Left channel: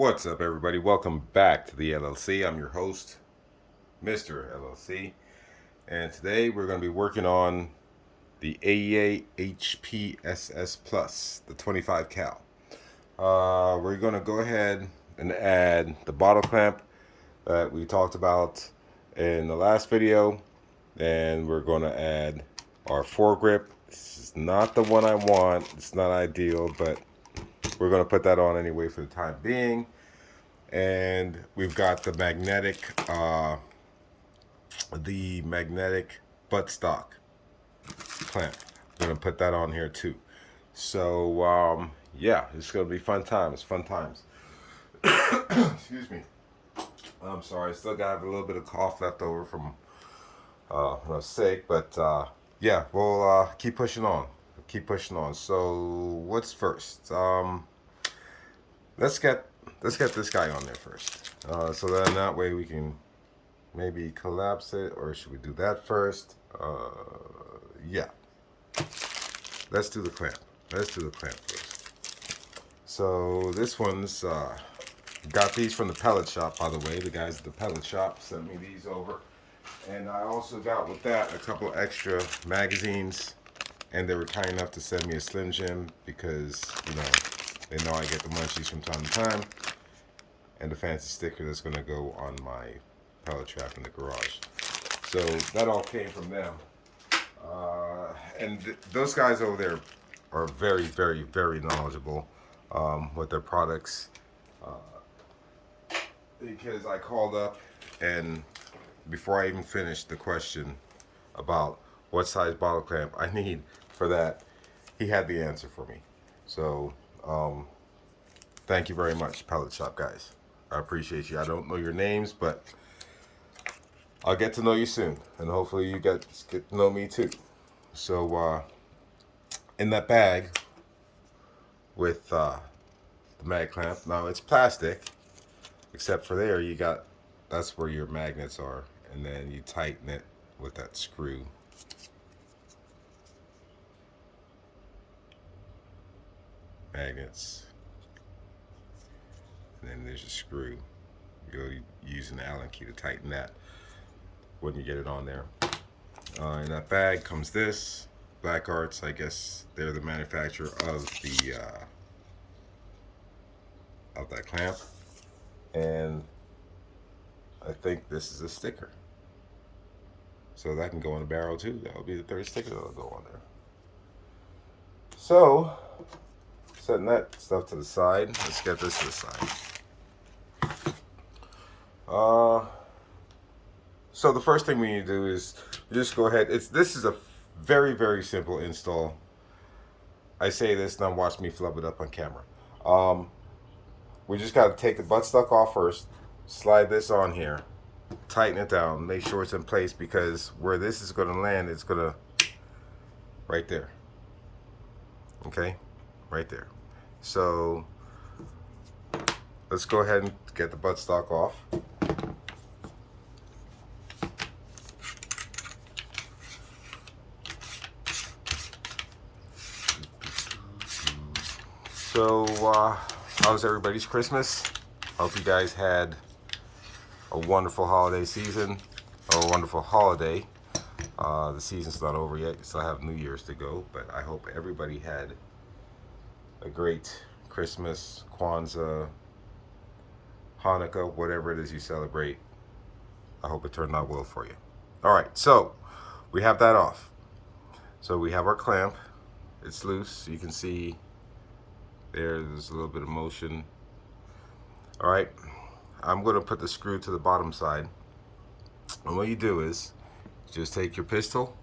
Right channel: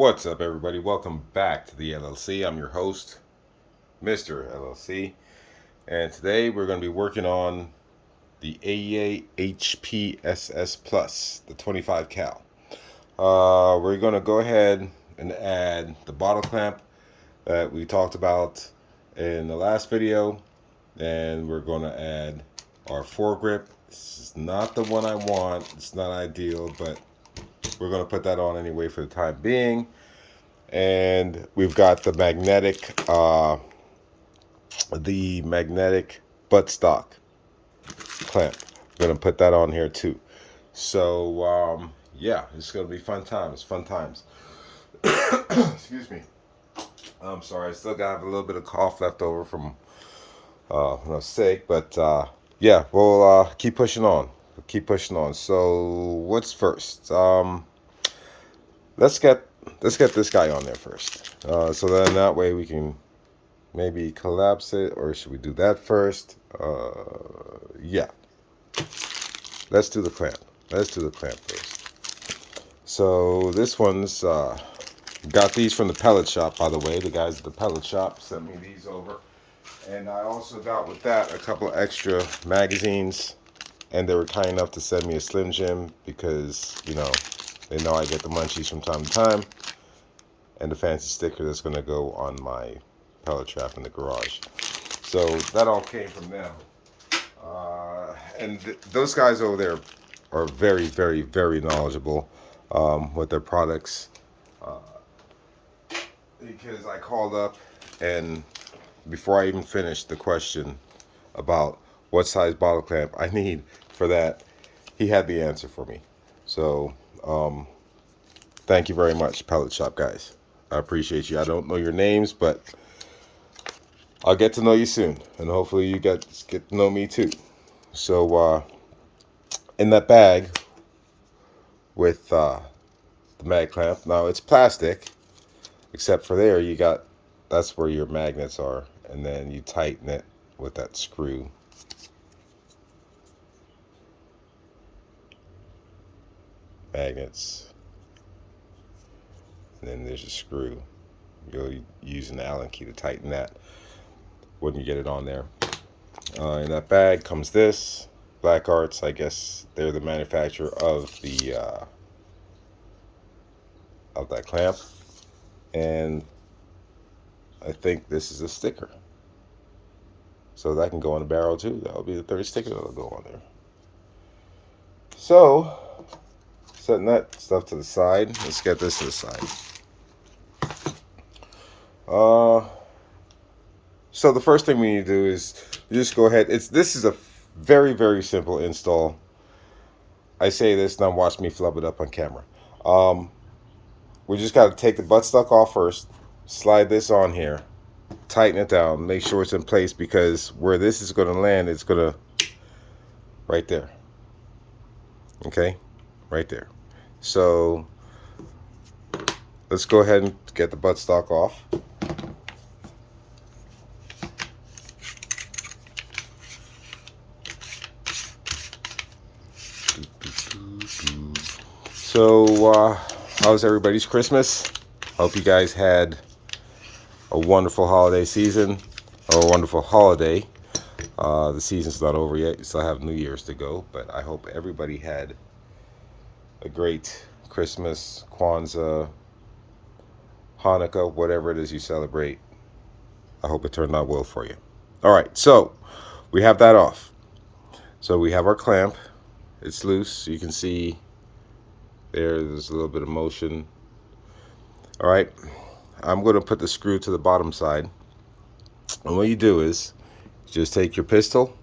What's up, everybody? Welcome back to the LLC. I'm your host, Mr. LLC, and today we're going to be working on the AEA HP SS Plus, the 25 cal. We're going to go ahead and add the bottle clamp that we talked about in the last video, and we're going to add our foregrip. This is not the one I want. It's not ideal, but we're going to put that on anyway for the time being. And we've got the magnetic buttstock clamp. We're gonna put that on here too. So yeah, it's gonna be fun times. Excuse me. I'm sorry, I still got a little bit of cough left over from when I was sick, but yeah, we'll keep pushing on. So what's first? Let's get this guy on there first. So then that way we can maybe collapse it, or should we do that first? Yeah. Let's do the clamp. First. So this one's got these from the pellet shop, by the way. The guys at the pellet shop sent me these over. And I also got with that a couple of extra magazines, and they were kind enough to send me a Slim Jim because, you know, they know I get the munchies from time to time, and the fancy sticker that's going to go on my pellet trap in the garage. So that all came from them. And those guys over there are very, very, very knowledgeable with their products. Because I called up, and before I even finished the question about what size bottle clamp I need for that, he had the answer for me. So thank you very much, pellet shop guys. I appreciate you. I don't know your names, but I'll get to know you soon, and hopefully you get to know me too. So in that bag with the mag clamp, now it's plastic, except for there you got, that's where your magnets are, and then you tighten it with that screw. Magnets. And then there's a screw. You'll use an Allen key to tighten that when you get it on there. In that bag comes this. Black Arts, I guess they're the manufacturer of the of that clamp. And I think this is a sticker. So that can go on the barrel too. That'll be the third sticker that'll go on there. So, setting that stuff to the side, let's get this to the side. So the first thing we need to do is just go ahead. This is a very, very simple install. I say this, now watch me flub it up on camera. We just got to take the buttstock off first, slide this on here, tighten it down, make sure it's in place, because where this is going to land, it's going to right there. Okay, right there. So let's go ahead and get the buttstock off. So how was everybody's Christmas? Hope you guys had a wonderful holiday season, or a wonderful holiday. The season's not over yet. You still have New Year's to go, but I hope everybody had a great Christmas, Kwanzaa, Hanukkah, whatever it is you celebrate. I hope it turned out well for you. All right, so we have that off. So we have our clamp. It's loose. So you can see there's a little bit of motion. All right, I'm going to put the screw to the bottom side. And what you do is just take your pistol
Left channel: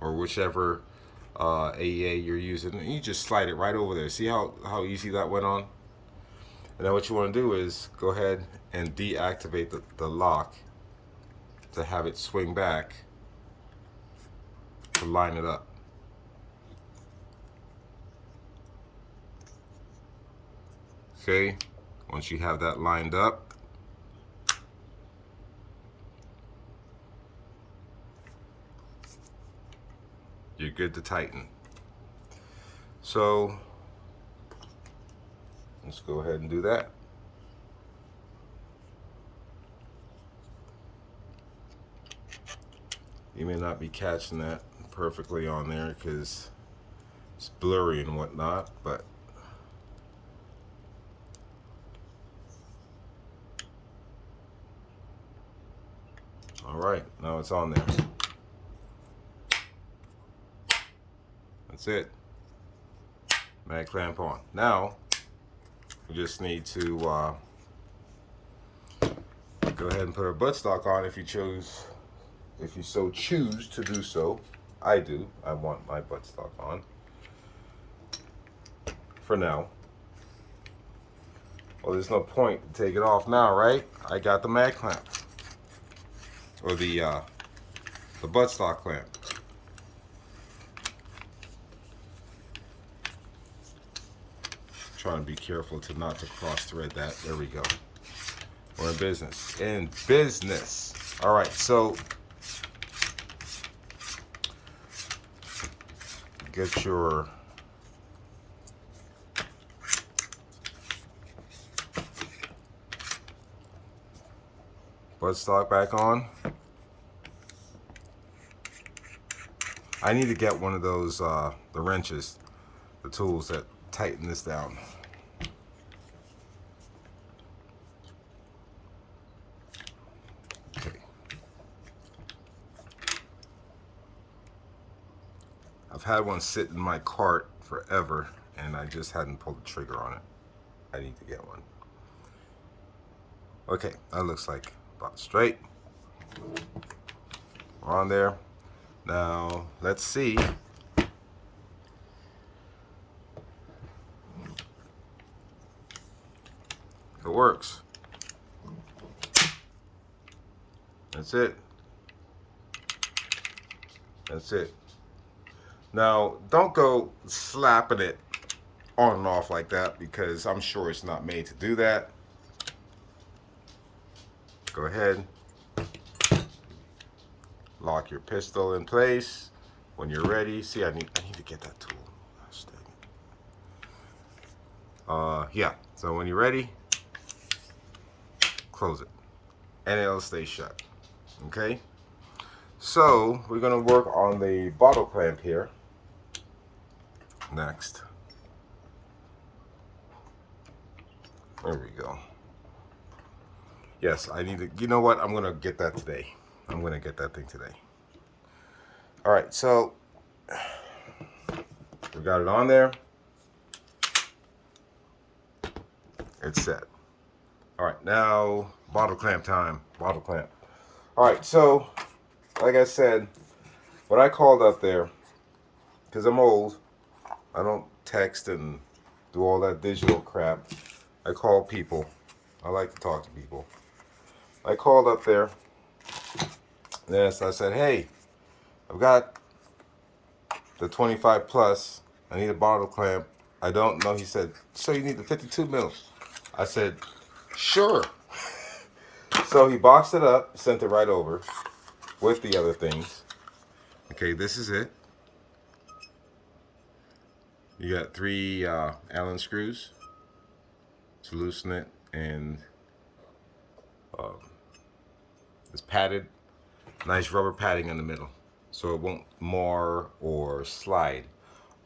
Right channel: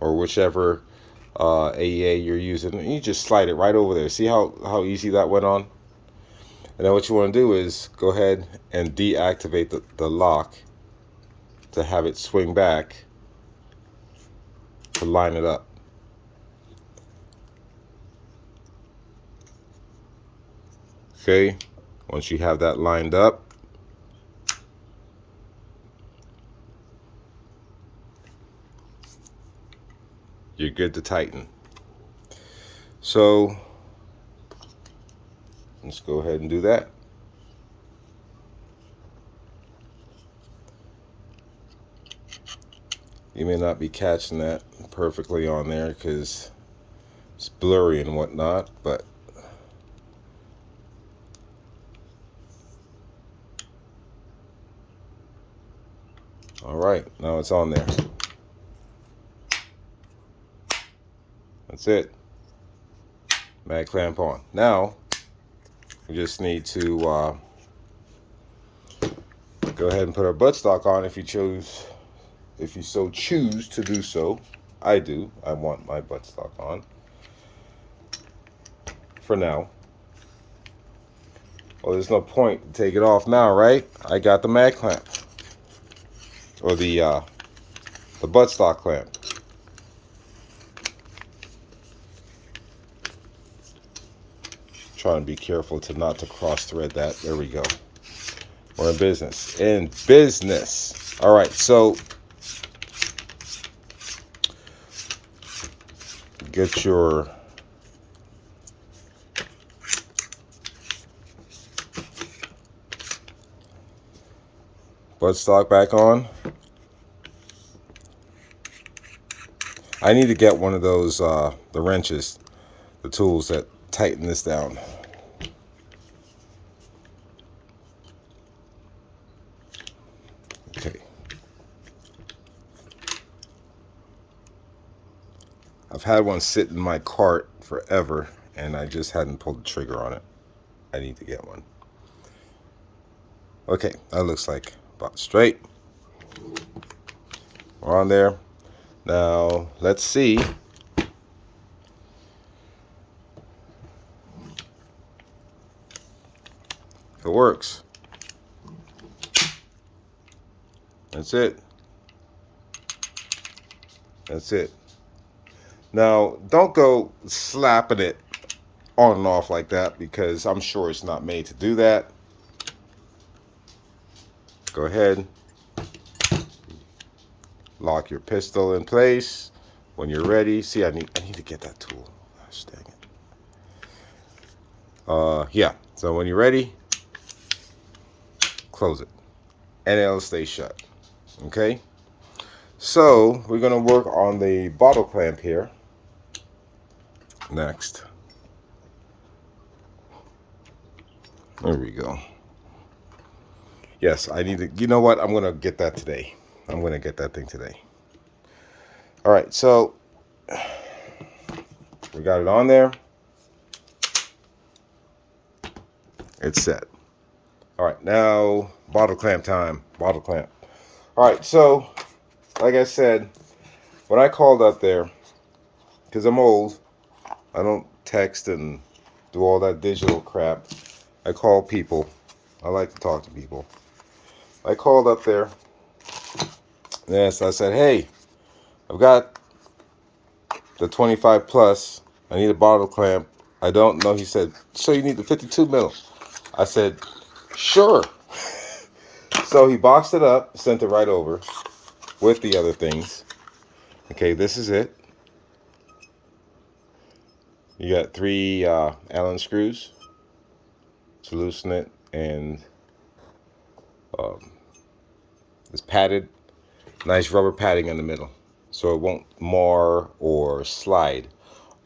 or whichever AEA you're using, and you just slide it right over there. See how easy that went on? And then what you want to do is go ahead and deactivate the lock to have it swing back to line it up. Okay, once you have that lined up, you're good to tighten. So let's go ahead and do that. You may not be catching that perfectly on there because it's blurry and whatnot, but all right, now it's on there. That's it. Mag clamp on. Now we just need to go ahead and put our buttstock on if you so choose to do so. I do. I want my buttstock on for now. Well, there's no point to take it off now, right? I got the mag clamp, or the buttstock clamp. Trying to be careful to cross thread that. There we go. We're in business. In business. All right, so get your buttstock back on. I need to get one of those the wrenches, the tools that tighten this down. Okay. I've had one sit in my cart forever and I just hadn't pulled the trigger on it. I need to get one. Okay, that looks like about straight. We're on there. Now, let's see. It works. That's it. That's it. Now, don't go slapping it on and off like that because I'm sure it's not made to do that. Go ahead. Lock your pistol in place. When you're ready. See, I need to get that tool. Gosh, dang it. Yeah. So when you're ready, close it. And it'll stay shut. Okay? So we're gonna work on the bottle clamp here next. There we go. Yes, I need to, you know what? I'm gonna get that today. I'm gonna get that thing today. All right, so we got it on there. It's set. All right, now bottle clamp time. Bottle clamp. All right, so like I said, when I called up there, because I'm old, I don't text and do all that digital crap. I call people. I like to talk to people. I called up there. Yes, I said, hey, I've got the 25 plus. I need a bottle clamp. I don't know. He said, so you need the 52 mil. I said, sure. So he boxed it up, sent it right over with the other things. Okay, this is it. You got 3 Allen screws to loosen it, and it's padded, nice rubber padding in the middle, so it won't mar or slide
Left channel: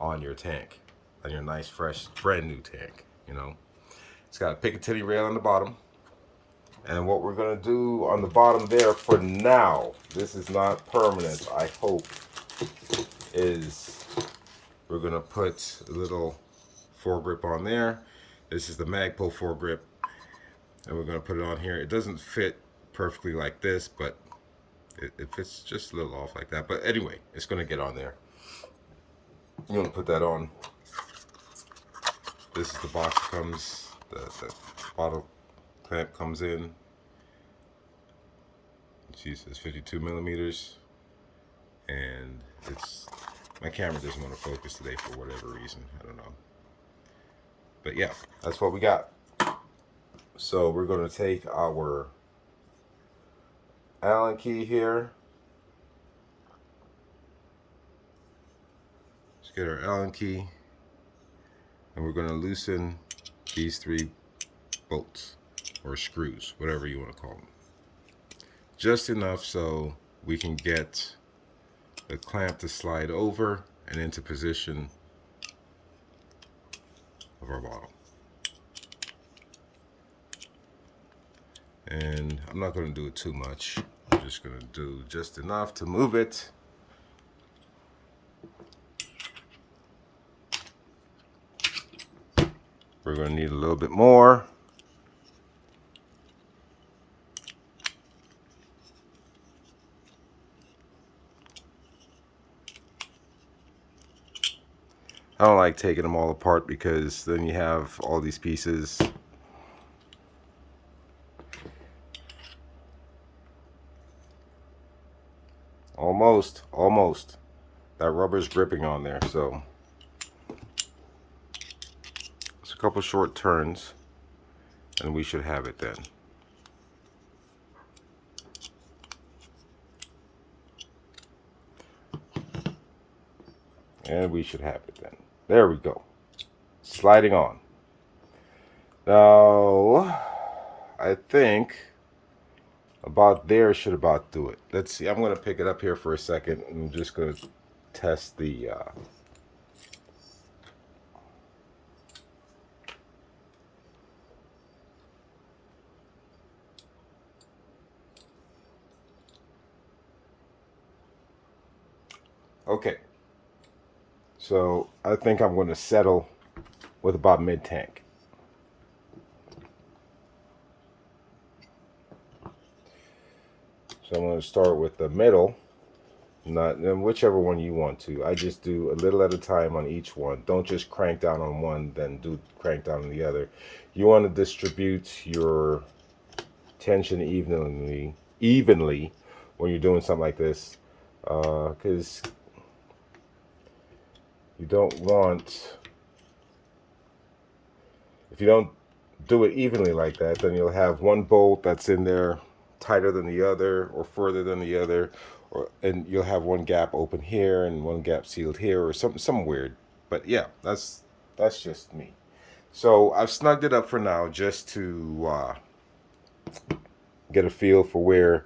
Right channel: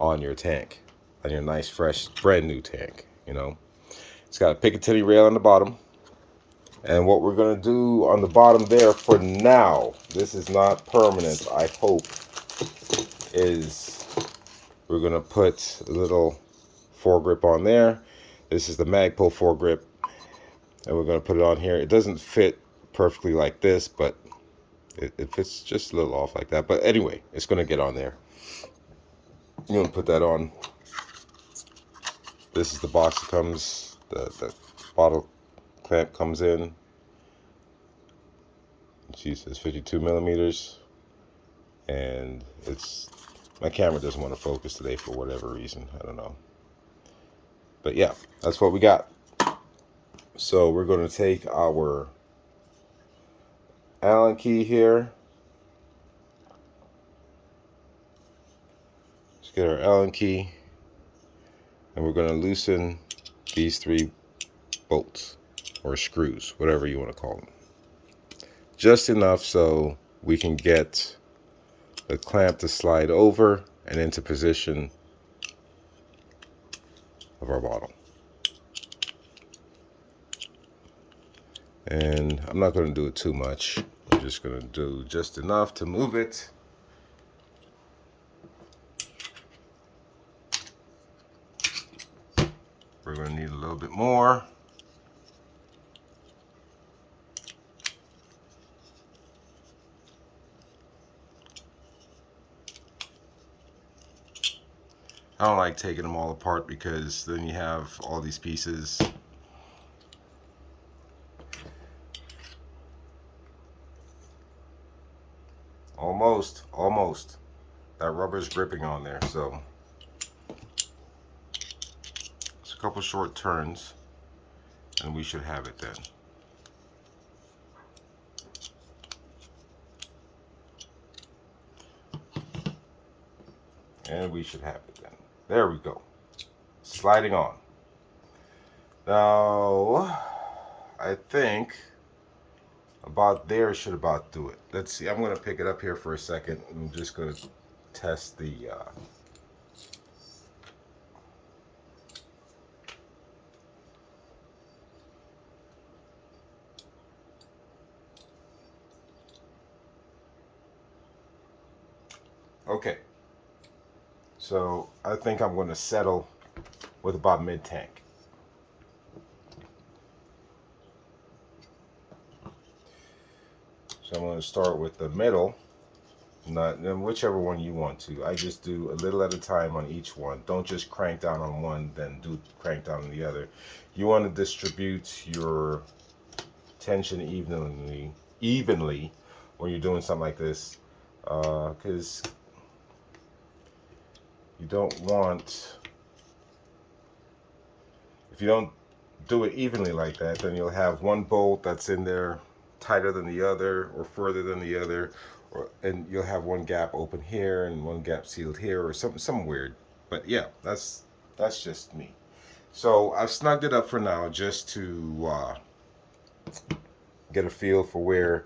on your tank, on your nice, fresh, brand new tank. You know, it's got a Picatinny rail on the bottom, and what we're gonna do on the bottom there for now, this is not permanent, I hope, is we're gonna put a little foregrip on there. This is the Magpul foregrip, and we're gonna put it on here. It doesn't fit perfectly like this, but it fits just a little off like that. But anyway, it's gonna get on there. You want to put that on. This is the box that comes, the bottle clamp comes in. She says 52 millimeters, and it's, my camera doesn't want to focus today for whatever reason. I don't know. But yeah, that's what we got. So we're going to take our Allen key here. Let's get our Allen key, and we're going to loosen these 3 bolts or screws, whatever you want to call them. Just enough so we can get the clamp to slide over and into position of our bottle. And I'm not going to do it too much. I'm just going to do just enough to move it. We're going to need a little bit more. I don't like taking them all apart because then you have all these pieces. Almost. That rubber's gripping on there, so just a couple short turns and we should have it then. And we should have it then. There we go. Sliding on. Now, I think about there should about do it. Let's see. I'm going to pick it up here for a second. I'm just going to test the okay. So I think I'm going to settle with about mid-tank. So I'm going to start with the middle, not whichever one you want to. I just do a little at a time on each one. Don't just crank down on one, then do crank down on the other. You want to distribute your tension evenly when you're doing something like this, because you don't want, if you don't do it evenly like that, then you'll have one bolt that's in there tighter than the other or further than the other, and you'll have one gap open here and one gap sealed here or something weird. But yeah, that's just me. So I've snugged it up for now just to get a feel for where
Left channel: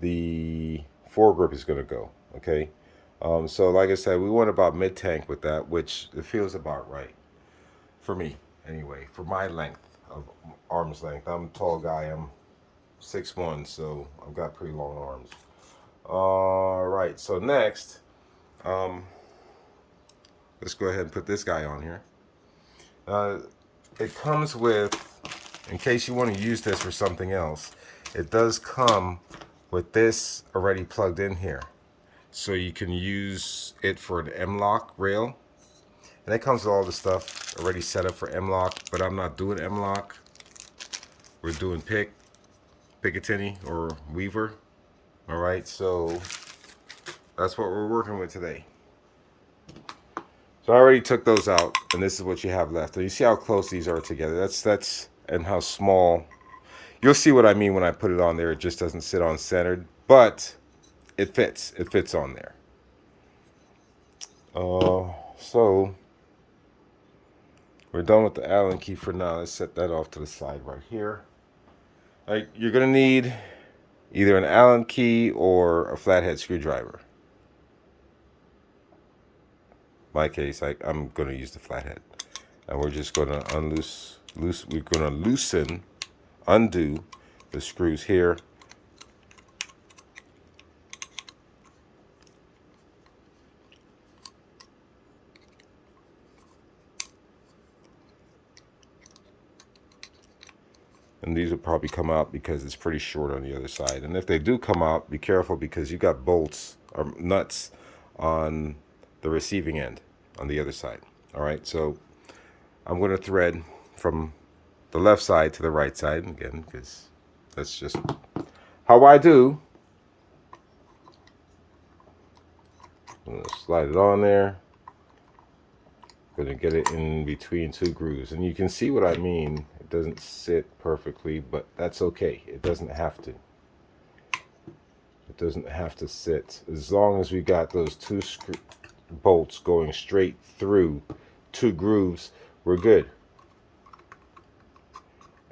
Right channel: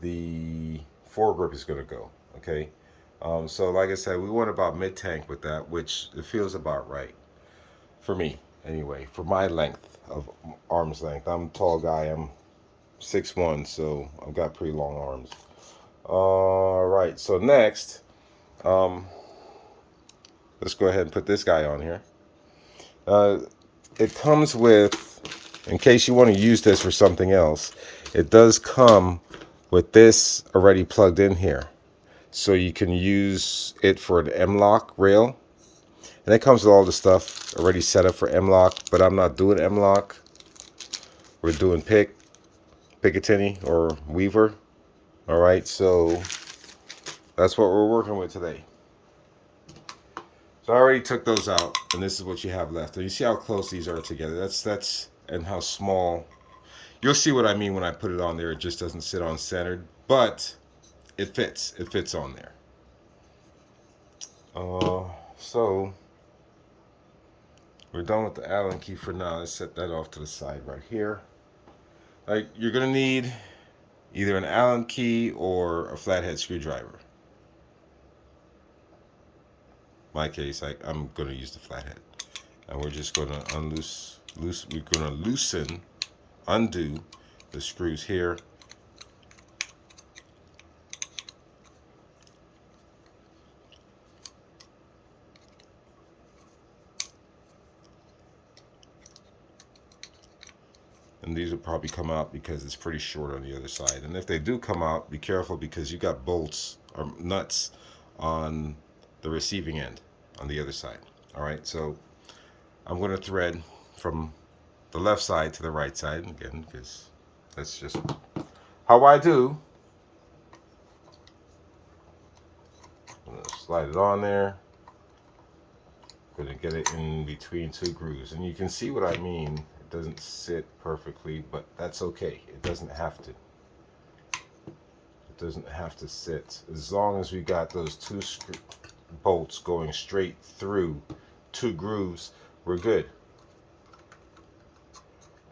the foregrip is going to go. Okay, so like I said, we went about mid-tank with that, which it feels about right for me anyway, for my length of arm's length. I'm a tall guy. I'm 6'1", so I've got pretty long arms. All right, so next, let's go ahead and put this guy on here. It comes with, in case you want to use this for something else, it does come with this already plugged in here. So you can use it for an M-lock rail. And it comes with all the stuff already set up for M-lock, but I'm not doing M-lock. We're doing Picatinny or Weaver. All right, so that's what we're working with today. So I already took those out, and this is what you have left. And you see how close these are together. That's and how small. You'll see what I mean when I put it on there. It just doesn't sit on centered, but it fits. It fits on there. So we're done with the Allen key for now. Let's set that off to the side right here. All right, you're gonna need either an Allen key or a flathead screwdriver. In my case, I'm gonna use the flathead, and we're just gonna undo the screws here. And these will probably come out because it's pretty short on the other side. And if they do come out, be careful because you got bolts or nuts on the receiving end on the other side. All right, so I'm going to thread from the left side to the right side again because that's just how I do. I'm going to slide it on there. Going to get it in between two grooves, and you can see what I mean. It doesn't sit perfectly, but that's okay. It doesn't have to. It doesn't have to sit. As long as we got those two bolts going straight through two grooves, we're good.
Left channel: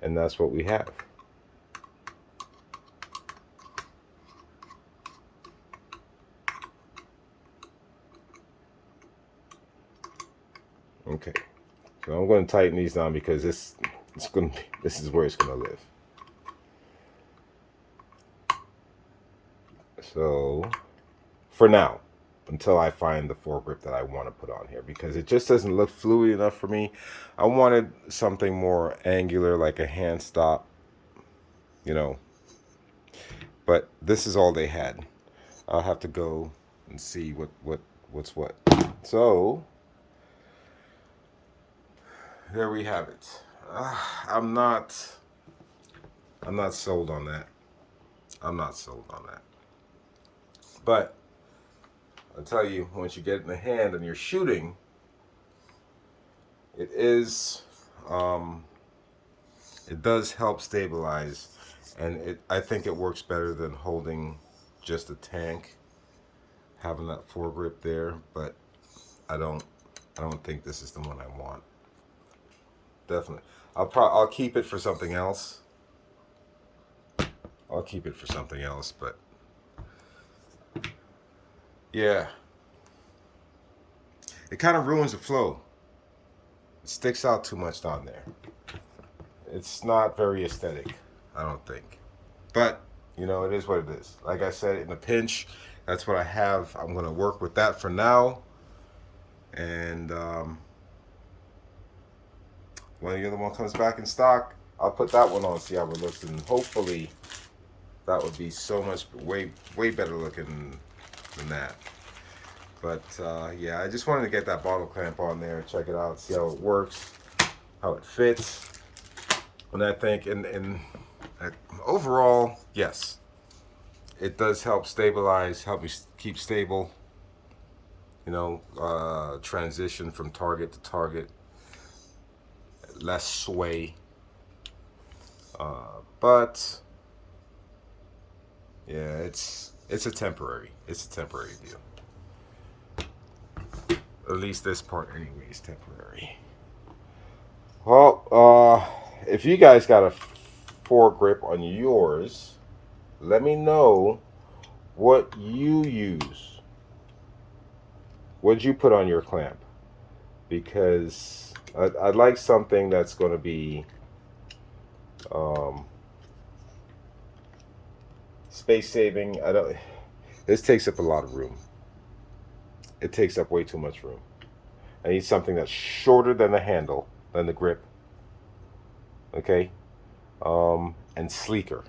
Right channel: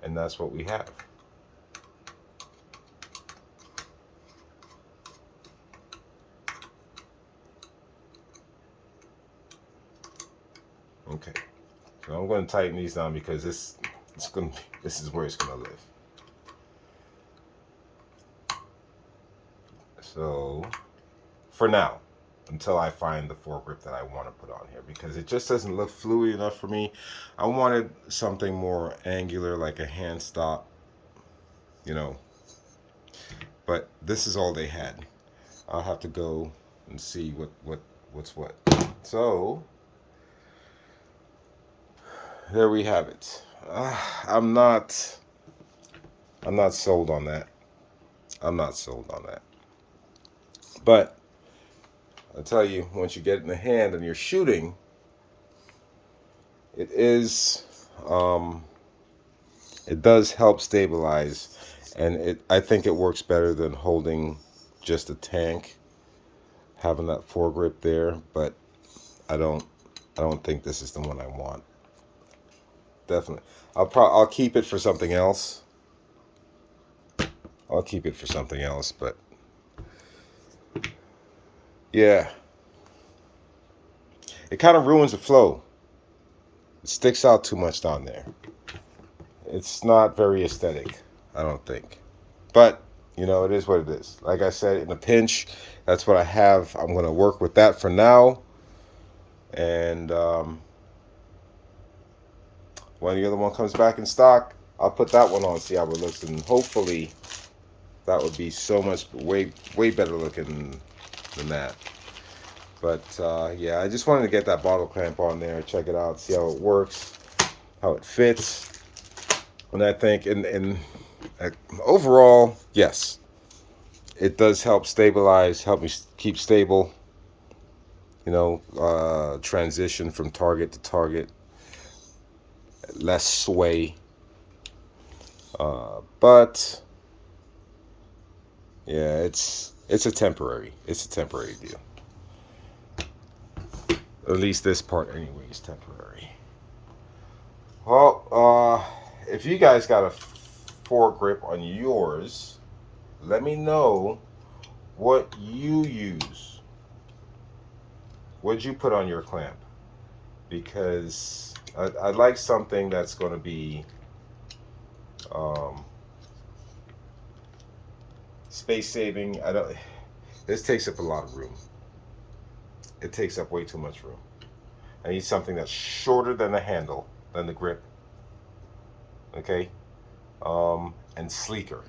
And that's what we have. So I'm going to tighten these down because this is where it's going to live. So for now, until I find the foregrip that I want to put on here, because it just doesn't look fluid enough for me. I wanted something more angular, like a hand stop, you know. But this is all they had. I'll have to go and see what's what. So there we have it. I'm not sold on that. I'm not sold on that. But I'll tell you, once you get it in the hand and you're shooting, it does help stabilize, and I think it works better than holding just a tank, having that foregrip there. But I don't think this is the one I want. Definitely, I'll keep it for something else. I'll keep it for something else, but yeah, it kind of ruins the flow. It sticks out too much down there. It's not very aesthetic, I don't think. But, you know, it is what it is. Like I said, in a pinch, that's what I have. I'm going to work with that for now. And when the other one comes back in stock, I'll put that one on, see how it looks. And hopefully that would be so much way better looking than that. But yeah, I just wanted to get that bottle clamp on there, check it out, see how it works, how it fits. And I think overall, yes, it does help stabilize, help me keep stable, you know, transition from target to target, less sway. But yeah, it's a temporary deal. At least this part anyway is temporary. Well, if you guys got a foregrip on yours, let me know what you use. What'd you put on your clamp? Because I'd like something that's going to be space saving. This takes up a lot of room. It takes up way too much room. I need something that's shorter than the handle, than the grip. Okay, and sleeker,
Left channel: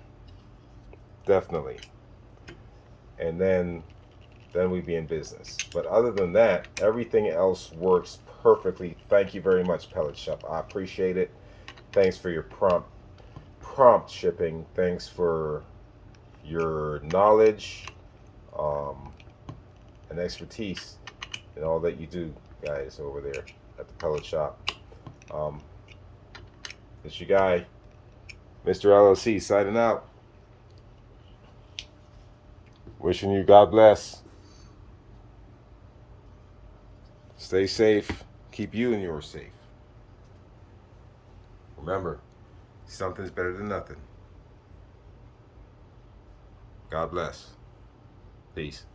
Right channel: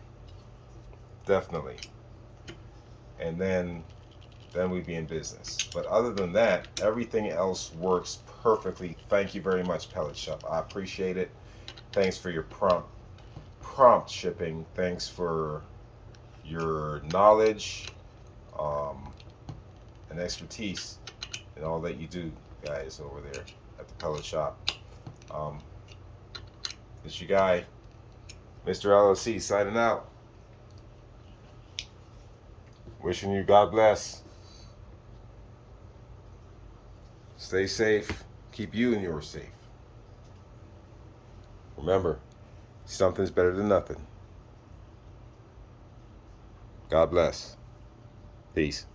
definitely. And then we'd be in business. But other than that, everything else works perfectly. Thank you very much, Pellet Shop. I appreciate it. Thanks for your prompt shipping. Thanks for your knowledge and expertise and all that you do, guys, over there at the Pellet Shop. It's your guy, Mr. LLC, signing out. Wishing you God bless. Stay safe. Keep you and yours safe. Remember, something's better than nothing. God bless. Peace.